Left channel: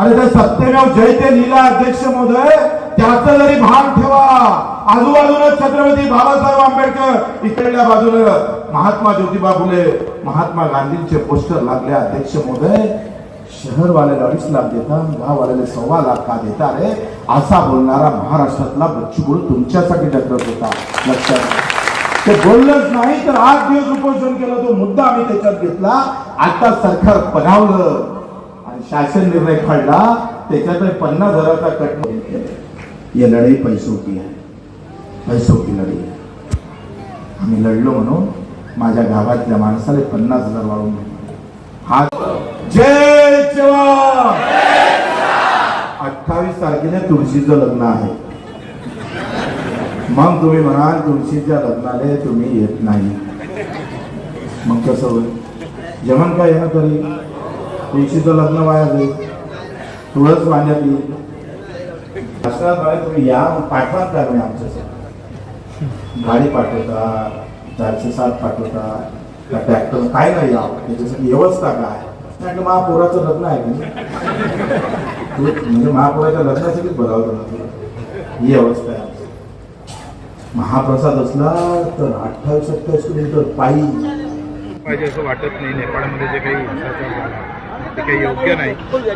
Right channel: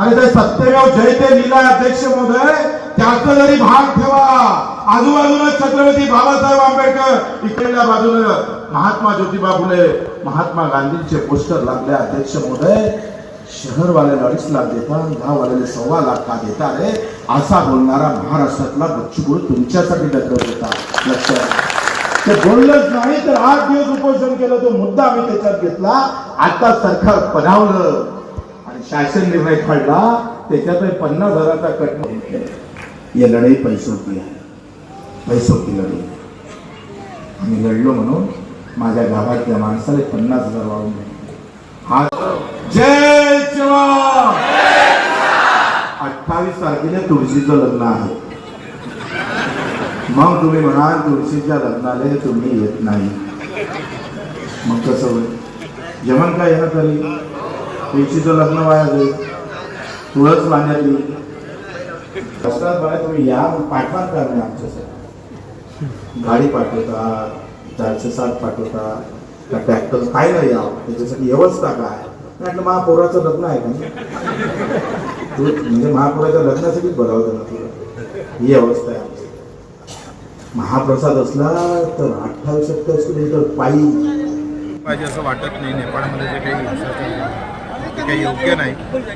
आणि ते सत्यमेव जयते लीला अध्यक्ष महोदय त्याचं जरी भाग ठेवा. आजूबाजूला छत्रपती बाबासाहेब आंबेडकर इकडल्या बाजूला महात्मा ज्योतिबा फुले महात्मा गांधींचे पोस्टर लागले अध्यक्ष महोदय. शहरवाल्याला अडीच लाख देतात गाववाल्याला सव्वा लाख का देता रे? असा बोलणारा महाराष्ट्रातला बच्चू तुमच्यासाठी डगरत होता लक्षात ते बोललंच नाही तर आठ दिवस उपोषण केलं तो मुद्दा आम्ही त्याच्यात घेतला. आता सरकार पधावलं शासन निर्णय काढला त्याच्यात पन्नास हजाराचा कट या ये लढाई पैसों की आहे. पैसों की लढाई आम्ही लढलो म्हणून माझ्या गावातल्या माणसाला पन्नास हजार वाढून हा जय जवान! अठ्ठावीस तारखेला तुळशीचं लग्न आहे. मग तुम्ही म्हणाल तुळशीच्या लग्नाला तुम्ही येत नाही. मग कसं होईल? जेवण काय येणं तरी? तुळशीचं लग्न वाया जाईल तुळस वाण्यात येईल असं बघा तुम्ही या पाठवण करणे आमच्यासाठी? गाडी पाठवता चारशे सात पाठवता का ट्रॅक्टर काय नाही यावं त्याच्यासाठी व्यवस्था काय? म्हटलं महापौराचं लग्न आहे का तू म्हणजे महापौराच्या लग्नासाठीच बघावं ना तुला ही अवस्था आहे आमची. महाप्रसाद असला तर अठ्ठावीस सत्तावीस किलोमीटर पायी. पाहिजे असं वाटत नाही. नेपाळमध्ये जे काही ते काही योग्य नाही.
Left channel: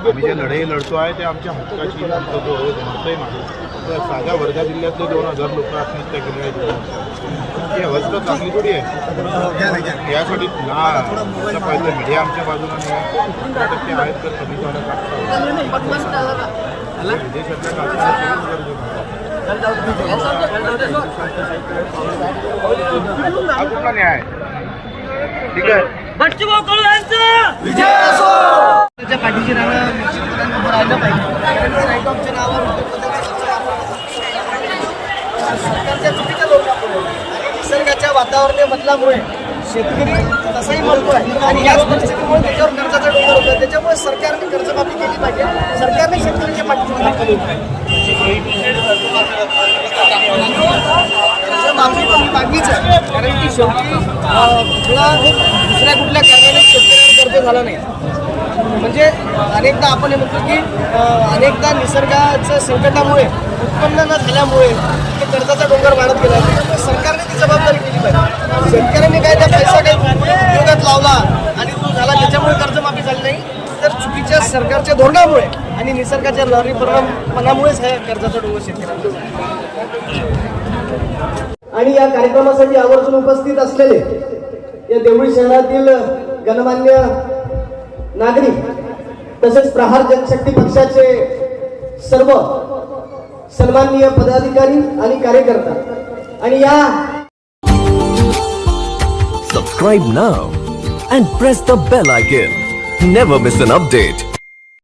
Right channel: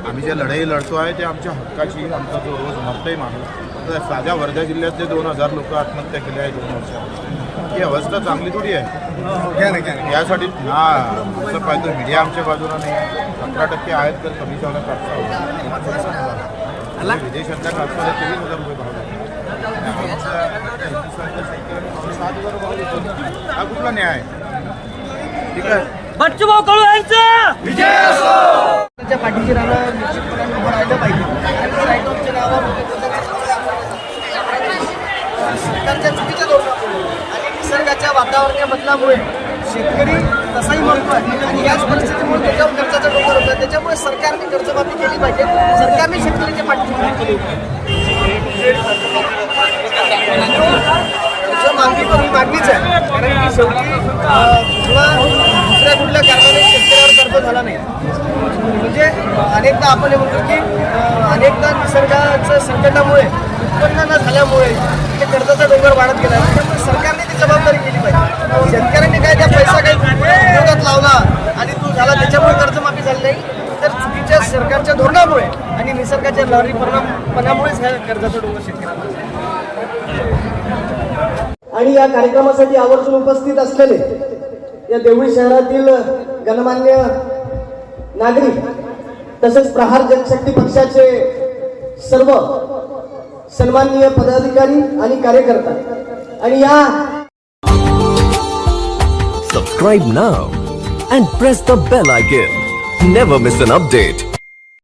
आम्ही जे लढाई लढतो आहे ते आमच्या हक्काची आमचा जो रोज मरतही माणूस आता साध्या वर्धा जिल्ह्यातले दोन हजार लोक आत्महत्या केल्या आहेत ही अवस्था चांगली थोडी आहे. यासाठी हा असं पाहिजे मीडिया आमच्या बाजूला नाही अकरा टक्के आहेत तर कमी जाणं कापसा विदेशातल्या कापसाला चोवीस हजार रुपये भाव. आमच्या हिंदुस्थानच्या शेतकऱ्यांना. हा कुठला न्याय ठीक आहे. बच्चू भाऊ विजय असो त्याच्या पाठीशी राहणं निश्चितपणे उभं राहिलं पाहिजे कारण की राईट ऑफच्या नावावर सरकारच्या चुकीच्या धोरणामुळे आणि निसर्गाच्या वातावरणीय बदलामुळे शेतकरी तसाही म्हणतो आणि याच परिस्थितीमुळे त्याच्यावर कर्जाचा डोंगर होतो त्याच्यामुळे सरकारने कर्जमाफी केली पाहिजे सरकारने शेतकऱ्याच्या पाठीशी दाखवली कर्जमाफी तर मागणीच आहे कारण की शेवटी दुसऱ्या कुठल्या कारणाने शेतकऱ्यावर कर्ज झाला नाही. म्हणजे अनेकदा आपण हे म्हणतो की अनेकदा निसर्गाच्या संकटामुळे उत्पन्न न झाल्यामुळे ते कर्जाचा डोंगर वाढत गेला. तर सरकारने ती जबाबदारी केली पाहिजे. शेतकऱ्यांनी काय त्या पैसा काही उद्योगात लावला आणि तो झाला त्याच्यामुळे कर्जमाफी झाली नाही. तर चुकीच्या सरकारच्या धोरणामुळे आणि निसर्गाच्या लॉरी परिणामपणामुळेच ह्या कर्जाचा डोंगर शेतकऱ्यांना आणि या कार्यक्रमासाठी आवर्जून उपस्थित असलेले या देवळी शहरातील गणमान्य नागरिक तसेच प्रहार जनशक्ती पक्षाचे सर्व सन्माननीय पदाधिकारी आणि कार्यकर्ता. आणि या subscribe now and press the bell icon never miss an update